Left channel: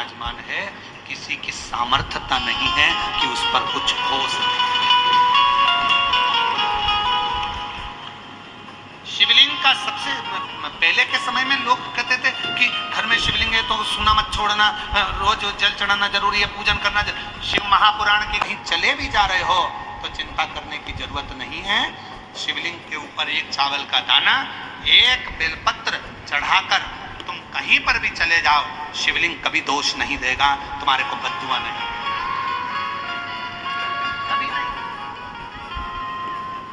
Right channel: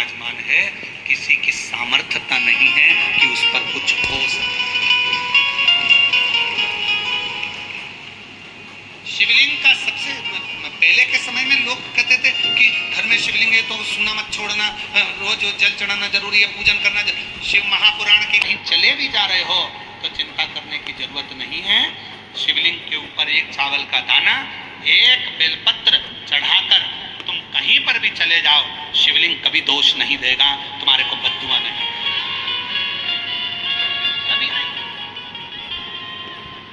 विराजमान है, किसी की सामर्थ्यता नहीं है कि उस पर कुछ हो सके। शिवलिंग का सबसे पहले के समय में लोग कहते थे कि घर में शिवलिंग है तो सुना मत छोड़ना, रोज जल चढ़ाना जरूरी है, पूजन करना। शिव महापुराण के कहीं चले भी जा रहे हो तो चिंता करने की जरूरत नहीं है। शिवलिंग के ऊपर एक चावल का दाना, एक बेलपत्र चढ़ाकर तुम कहीं पर भी चले जाओ, शिवलिंग कभी दोष नहीं देगा, तुम्हारे को बद्दुआ नहीं, कभी नहीं।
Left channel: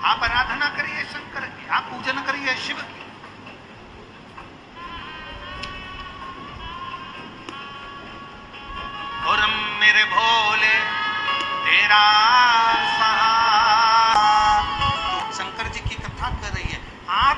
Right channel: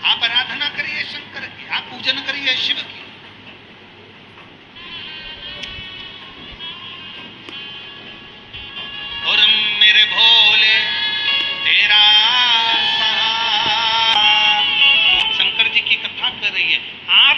आप आराधना करिए शंकर की, आप पूजन करिए शिव की। और मेरे भोले तेरा शंकर जी की कथा कर रही है। आप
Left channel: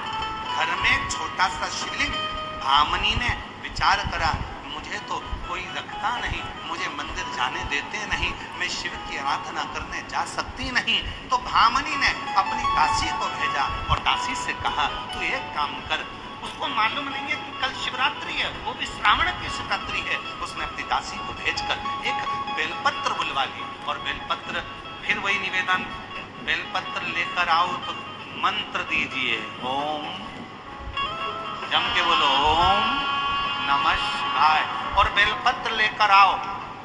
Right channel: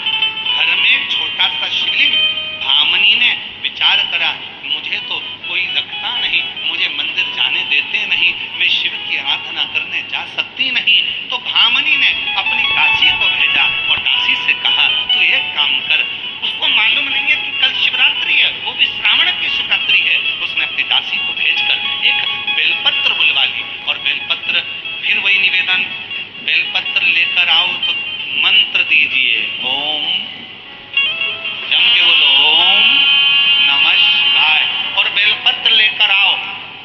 घर में छोटा सा शिवलिंग, भामनी ने विचार करा मुझे तो कोई रखता नहीं, मुझे मंदिर जाने देते नहीं, मैं शिव की आराधना करने जा सकती नहीं, तो भामनी ने अपनी दासी को भेजा और दासी से कहा तू एक काम कर, उसको मालूम नहीं है कि कल शिवरात्रि है, वो भी श्रावण की शिवरात्रि है। उसने अपनी दासी को भेजकर एक बेलपत्र बुलवा ली और बेलपत्र, फिर वही निवेदन, बेलपत्र लेकर आओ तो मंत्र दीजिए, ओम, जम के बोलो ओम नमः शिवाय, और बेलपत्र लेकर आओ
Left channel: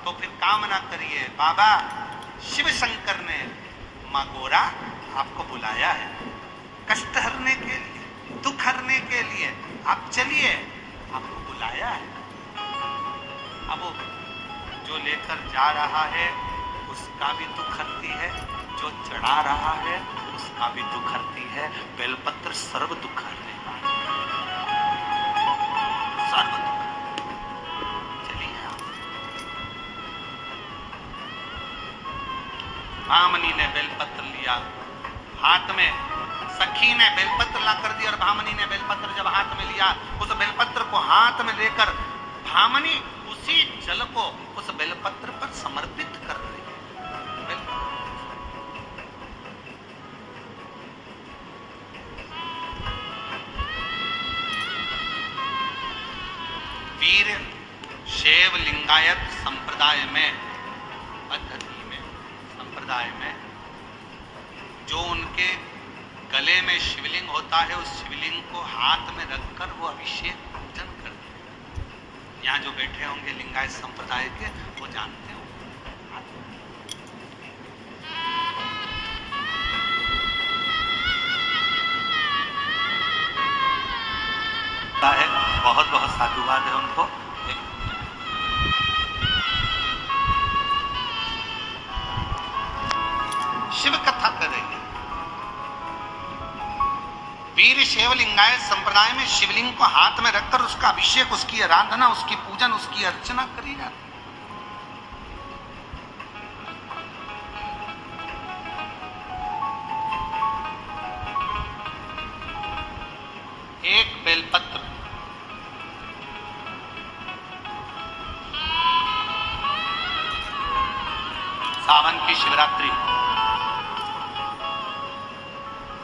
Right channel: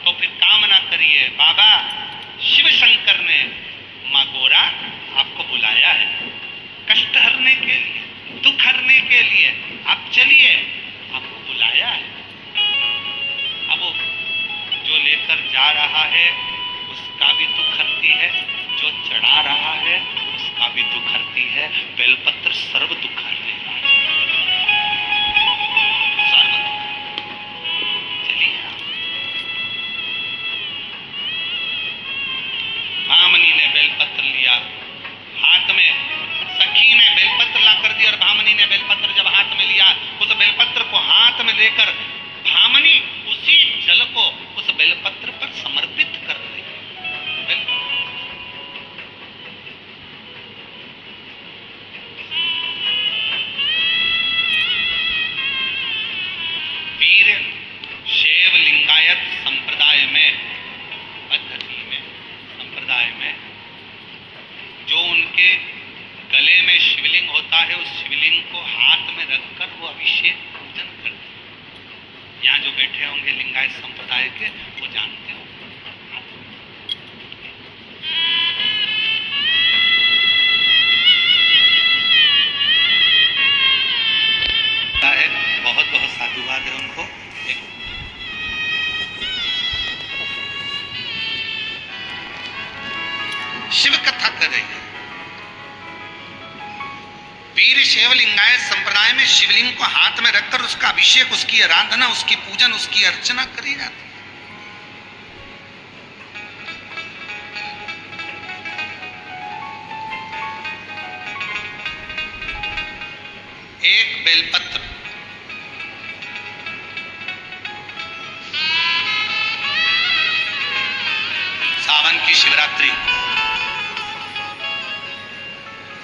तो फिर कामना करिए बाबा शिव शंकर ने माँ गोरा आपको बुलाया है कष्ट हरने के लिए, दुख हरने के लिए, आप चलिए, आपको बुलाया है। अब वो जो लेकर जा रहा है उसका भी दुख हरती है, जो चढ़ा रहा है उसका भी दुख हरती है। बेलपत्र सर्व दुख हर देगा, सर्व दुख। चलिए, भामनी ने बेलपत्र लिया हाथ में, सखी ने बेलपत्र ला कर दिया और भामनी ने बेलपत्र जब हाथ में लिया, उस बेलपत्र को हाथ में लेकर भामनी उसी जल को उस बेलपत्र पर समर्पित कर रही है। वीर शैव लिंगायत संप्रदाय में, पद्धति में, संप्रदाय में जो उनके गले में शिवलिंग होता है, उस शिवलिंग को हाथ में रखकर वो अभिषेक पूजन करते हैं। यहाँ जो बैठे होंगे लिंगायत संप्रदाय के, वो जानते हो है। बहुत बहुत साधुवाद है उनको। शिव कथा कर रही है। वीर शैव लिंगायत संप्रदाय में शिवलिंग को हाथ में रखकर उसका अभिषेक, उसकी आराधना, उसकी पूजन, उसकी अर्चना करी जाती है। एक बेलपत्र, सावन की शिवरात्रि,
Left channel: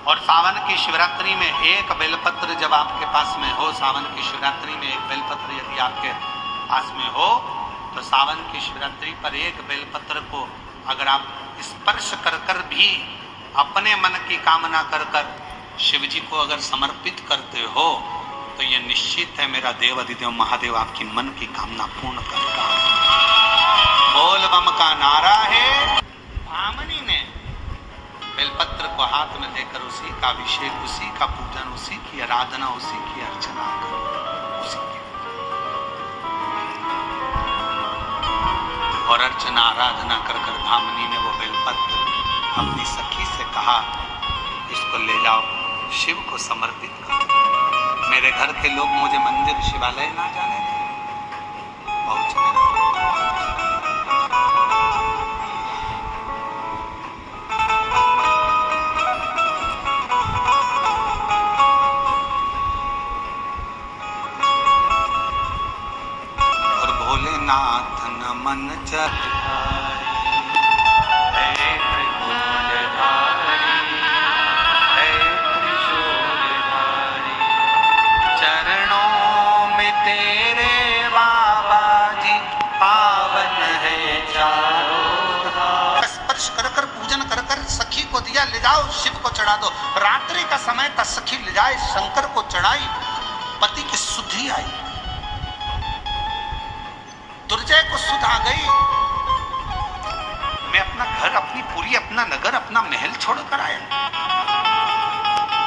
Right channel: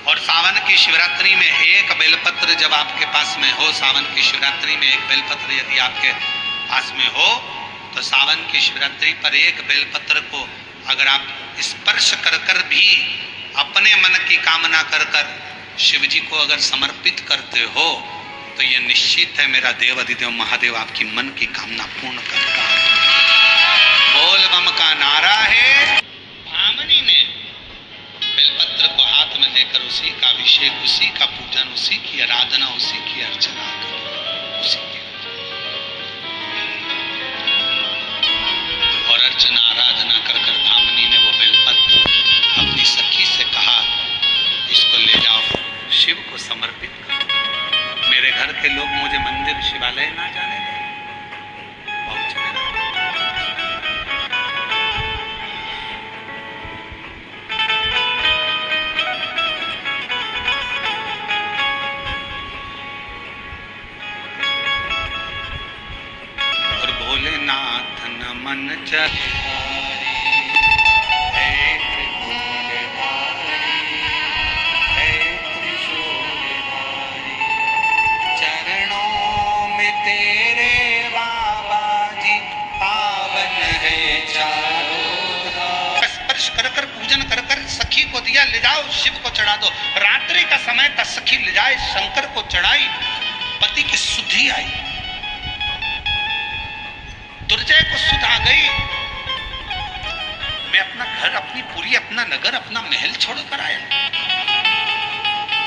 और सावन की शिवरात्रि में एक बेलपत्र जब आपके पास में हो, सावन की शिवरात्रि में एक बेलपत्र यदि आपके पास में हो, तो सावन की शिवरात्रि पर एक बेलपत्र को अगर आप स्पर्श कर कर भी अपने मन की कामना कर कर शिव जी को अगर समर्पित करते हो, तो ये निश्चित है मेरा देव अधिदेव महादेव आपकी मन की कामना पूर्ण करता है। बोल बम का नारा है। भामनी ने बेलपत्र को हाथ में लेकर उसी का अभिषेक, उसी का पूजन, उसी की आराधना, उसी की अर्चना कर, उसी की और अर्चना आराधना कर कर भामनी ने वो बेलपत्र अपनी सखी से कहा इसको ले जाओ, शिव को समर्पित करो। मेरे घर के लोग मुझे मंदिर शिवालय ना जाने दें। बहुत भोलेनाथ नमन चढ़ारी, हे त्रिभुवनधारी, हे त्रिशूलधारी, चरणों में तेरे बाबा जी को दिया, ले जाओ शिव को चढ़ा दो। रात्रि का समय था, सखी ले जाए शंकर को चढ़ाई, पति की सुधि आई, दुर्जय को सुध आ गई। मैं अपना घर, अपनी पुरी, अपना नगर, अपना महल छोड़कर आया।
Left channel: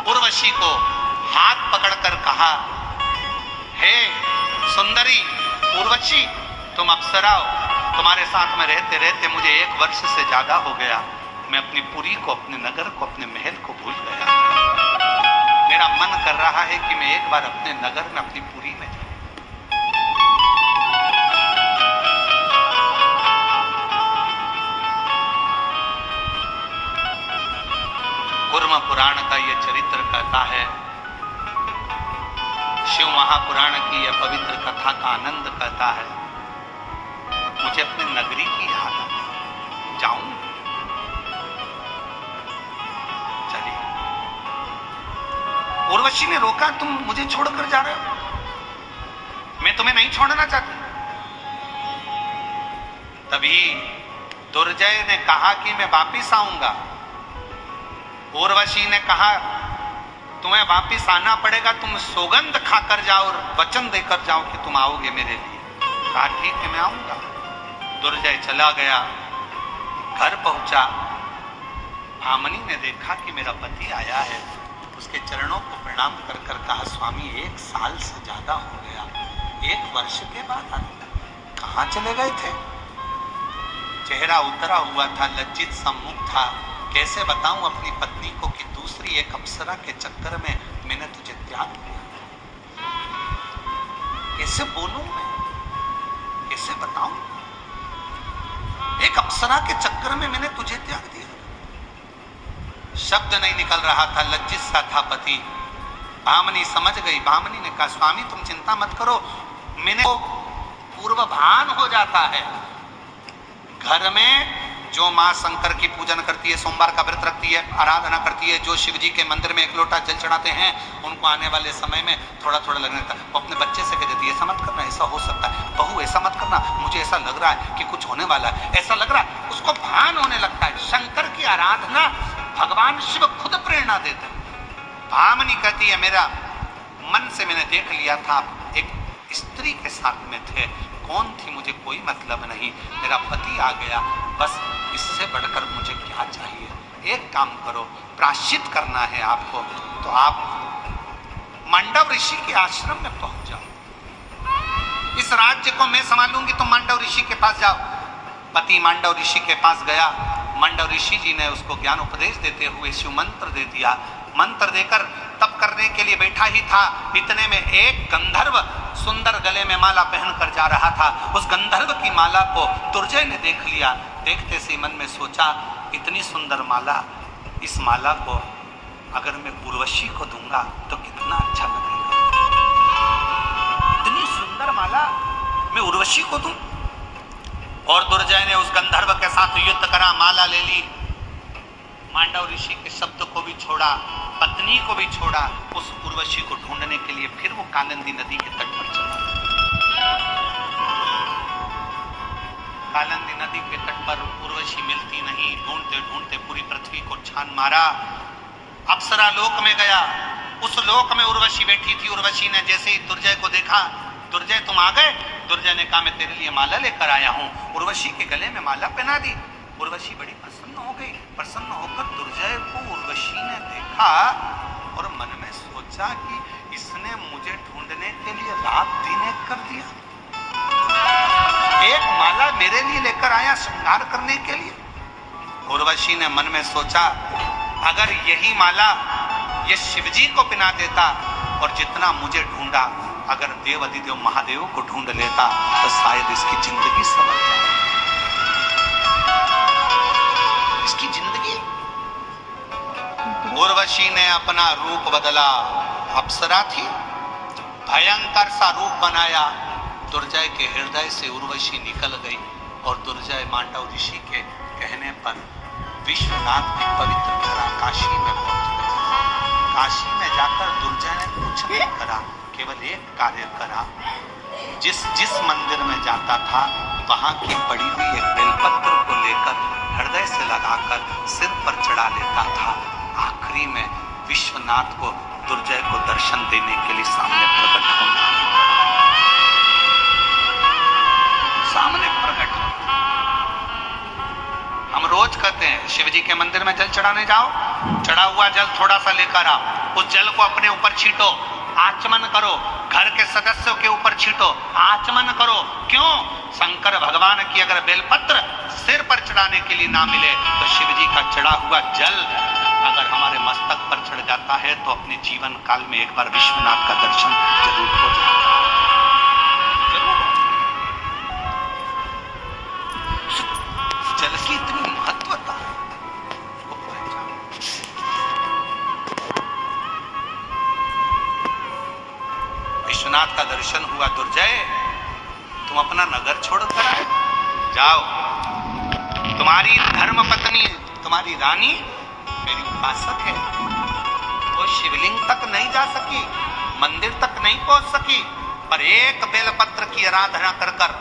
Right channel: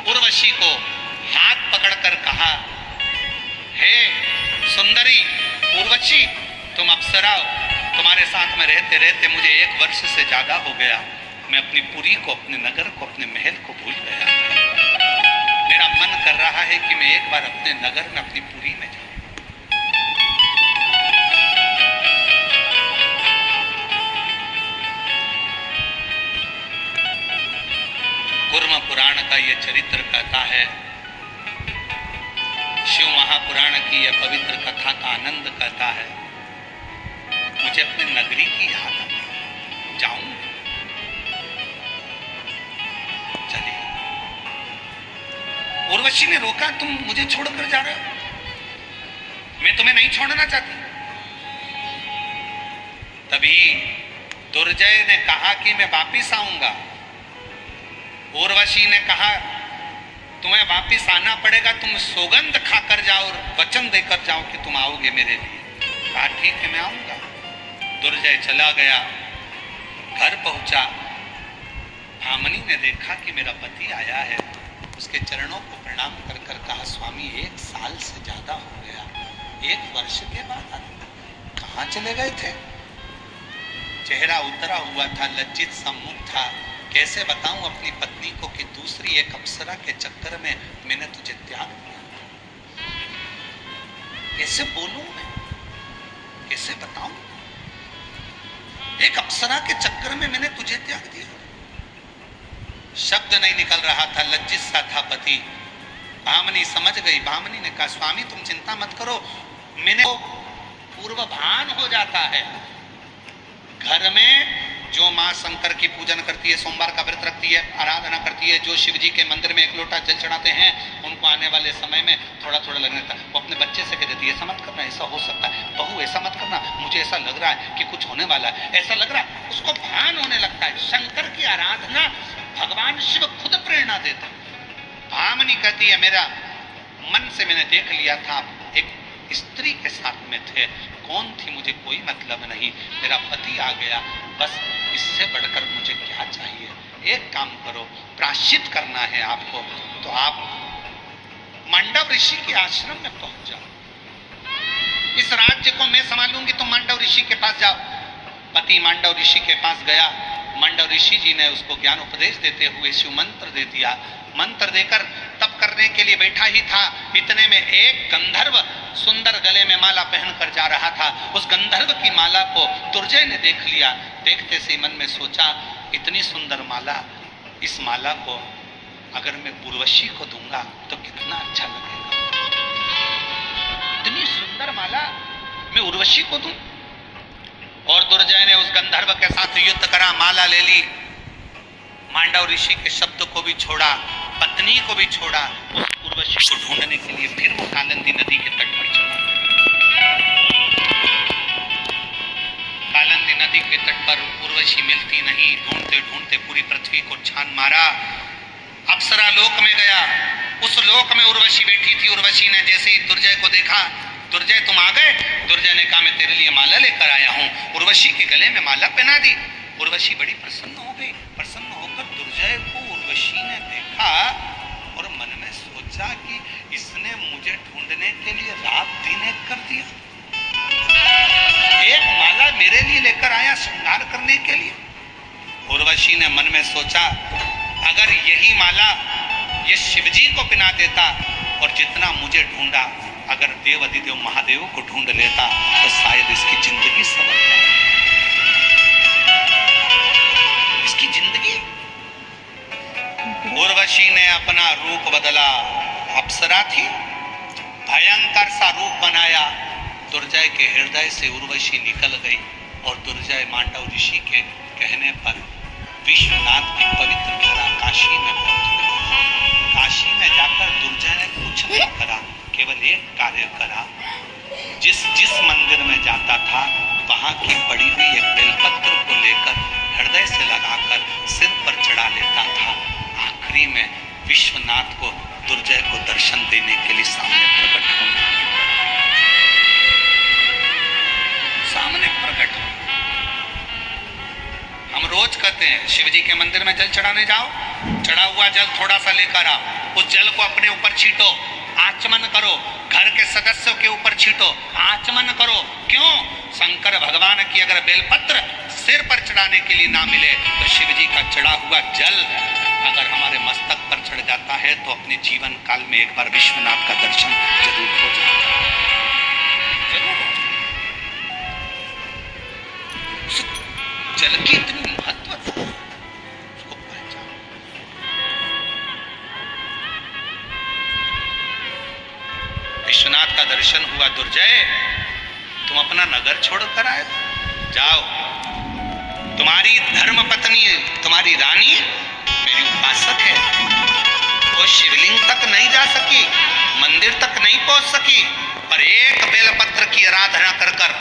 उर्वशी को हाथ पकड़कर कहा, हे सुंदरी उर्वशी, तुम अप्सरा हो, तुम्हारे साथ में रहते रहते मुझे 1 वर्ष से ज्यादा हो गया। मैं अपनी पुरी को, अपने नगर को, अपने महल को भूल गया। मेरा मन कर रहा है कि मैं एक बार अपने नगर में, अपनी पुरी में जाऊं। कूर्म पुराण का यह चरित्र कहता है, शिव महापुराण की यह पवित्र कथा का आनंद कहता है, मुझे अपनी नगरी की याद आ, जाऊं, चलिए। उर्वशी ने रोका, तुम मुझे छोड़कर जा रहे हो, मैं तुम्हें नहीं छोड़ना चाहती। तभी दुर्जय ने कहा कि मैं वापिस आऊंगा। उर्वशी ने कहा, तुम्हें वापिस आना पड़ेगा, तुम सौगंध खाकर जाओ और वचन देकर जाओ कि तुम आओगे मेरे लिए। कहा ठीक है, मैं आऊंगा। दुर्जय चला गया, घर पहुंचा। भामनी ने देखा कि मेरा पति आया है, उसके चरणों को प्रणाम कर कर कहा, स्वामी 1 साल से ज्यादा हो गया, 1 वर्ष के बाद कहाँ चले गए थे? चेहरा उतरा हुआ था, लज्जित सा मुख था। कैसे बताऊं अपनी पत्नी को कि दूसरी एक अप्सरा के चक्कर में मैंने तुझे त्याग दिया? कैसे बोलूं मैं, कैसे बताऊं? एक अप्सरा के चक्कर में मैंने तुझे त्याग दिया। शब्द नहीं निकल रहा था, लज्जित सा था पति। भामनी समझ गई। भामनी ने कहा, स्वामी तुम चिंता मत करो, मैंने पूर्वभान हो जाता है। घर में जो माँ शंकर की पूजन करती है, सोमवार का व्रत रखती है, आराधना करती है, जो शिव जी के मंदिर में 1 लोटा जल चढ़ाते हैं, उनको आने वाले समय में थोड़ा थोड़ा लगने लगता है। वो अपने बच्चे से कह देती है, ऐसा मत करना, ऐसा हो सकता है, बहू ऐसा मत करना, मुझे ऐसा लग रहा है कि कुछ होने वाला है, ऐसा लग रहा है। उसको भान होने लगता है। शंकर की आराधना भगवान शिव खुद प्रेरणा देते हैं। भामनी कहती है, मेरा मन से मैंने देख लिया था, एक स्त्री के साथ में थे, कौन थी मुझे कोई मतलब नहीं, मेरा पति आ गया, बस इससे बढ़कर मुझे क्या चाहिए। एक काम करो, प्रायश्चित करना है आपको, तो आप मांडव ऋषि के आश्रम में पहुंच जाओ। इस राज्य को मैं संभालूंगी, तुम मांडव ऋषि के पास जाओ। पति मांडव ऋषि के पास गया। मांडव ऋषि जी ने उसको ज्ञान उपदेश देते हुए शिव मंत्र दे दिया। मंत्र देकर तप करने के लिए बैठा ही था, इतने में एक गंधर्व सुंदर गले में माला पहनकर जा रहा था। उस गंधर्व की माला को दुर्जय ने देख लिया। देखते से मन में सोचा, इतनी सुंदर माला, इस माला को अगर मैं उर्वशी को दूंगा तो कितना अच्छा लगेगा। इतनी सुंदर माला मैं उर्वशी को दूं? और दुर्जय ने उस गंधर्व के साथ युद्ध करा, माला ले ली। मांडव ऋषि के शब्द को भी छोड़ा, पत्नी को भी छोड़ा। उस उर्वशी को ढूंढने के लिए फिर वो कालिंदी नदी के तट पर चला। कालिंदी नदी के तट पर उर्वशी मिलती नहीं। ढूंढते ढूंढते पूरी पृथ्वी को छान मारा। अप्सरा लोक में गया। उस लोक में उर्वशी बैठी थी। उर्वशी ने जैसे ही दुर्जय को देखा, दुर्जय तुम आ गए? दुर्जय ने कहा, मैं तेरे लिए माला लेकर आया हूँ। उर्वशी के गले में माला पहना दी। उर्वशी बड़ी प्रसन्न हो गई। प्रसन्न होकर दुर्जय को उर्वशी ने देखा और मन में सोचा कि इसने मुझे ढूंढने के लिए रात दिन एक कर दिया। एक माला मेरे लिए लेकर आया श्रृंगार करने के लिए। उर्वशी ने मन में सोचा, अगर यही माला ये शिवजी को पहना देता और जितना मुझे ढूंढा, अगर देव अधिदेव महादेव को ढूंढ लेता तो शायद इसकी जिंदगी संवर जाए। इसकी जिंदगी। उर्वशी ने अपना रूप बदला। अप्सरा थी, भयंकर सा रूप बनाया। दुर्जय के हृदय से उर्वशी निकल गई और दुर्जय मांडव ऋषि के कहने पर विश्वनाथ की पवित्र धरा काशी में पहुंच गए। काशी में जाकर दुर्जय ने कुछ नहीं करा, केवल एक कार्य करा। जिस जिस मंदिर में जाता था वहां की पड़ी हुई एक बेलपत्र को लेकर हृदय से लगाकर सिर पर चढ़ा लेता था। आखिरी में विश्वनाथ को, दुर्जय को दर्शन देने के लिए सामने प्रकट होना, सामने प्रकट हो। हम रोज कहते हैं शिव जी के मंदिर में जल चढ़ाने जाओ, चढ़ा हुआ जल थोड़ा सा लेकर आओ, उस जल को अपने ऊपर छींटो, आचमन करो, घर के सदस्यों के ऊपर छींटो, आचमन करो। क्यों? शंकर भगवान की अगर बेलपत्र सिर पर चढ़ाने के लिए ना मिले तो शिव जी का चढ़ा हुआ जल अगर हमारे मस्तक पर चढ़ जाता है तो अपने जीवन काल में एक बार विश्वनाथ का दर्शन जरूर हो जाता है, जरूर हो। जल की इतनी महत्वता उसको पहचानो। विश्वनाथ का दर्शन हुआ दुर्जय, तुम अपना नगर छोड़कर आए, जाओ। तुम्हारी धर्म पत्नी, तुम्हारी रानी मेरी उपासक है, वो शिवलिंग तक नहीं जा सकी, मंदिर तक नहीं पहुंच सकी, पर एक बेलपत्र की आराधना कर कर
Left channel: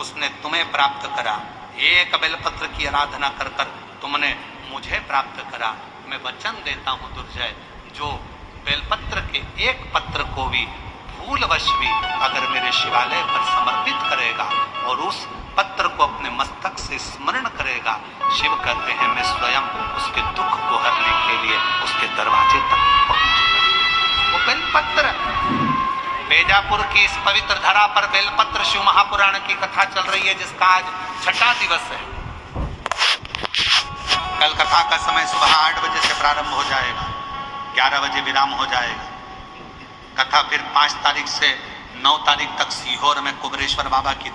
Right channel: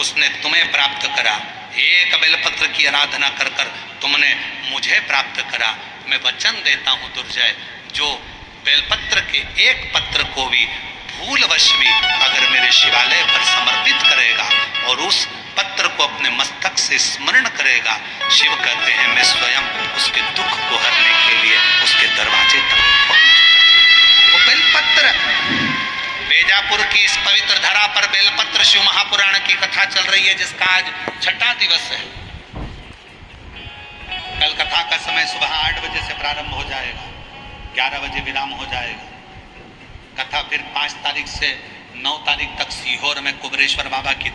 उसने तुम्हें प्राप्त करा। एक बेलपत्र की आराधना कर कर तुमने मुझे प्राप्त करा। मैं वचन देता हूं दुर्जय, जो बेलपत्र के एक पत्र को भी भूलवश भी अगर मेरे शिवालय पर समर्पित करेगा और उस पत्र को अपने मस्तक से स्मरण करेगा, शिव कहते हैं मैं स्वयं उसके दुख को हरने के लिए उसके दरवाजे तक पहुंच। वो बेलपत्र, बेजापुर की इस पवित्र धरा पर बेलपत्र शिव महापुराण की कथा चल रही है, जिसका आज 6वां दिवस है। कल कथा का समय सुबह 8 बजे से प्रारंभ हो जाएगा, 11 बजे विराम हो जाएगा। कथा फिर 5 तारीख से 9 तारीख तक सीहोर में कुबेरेश्वर बाबा की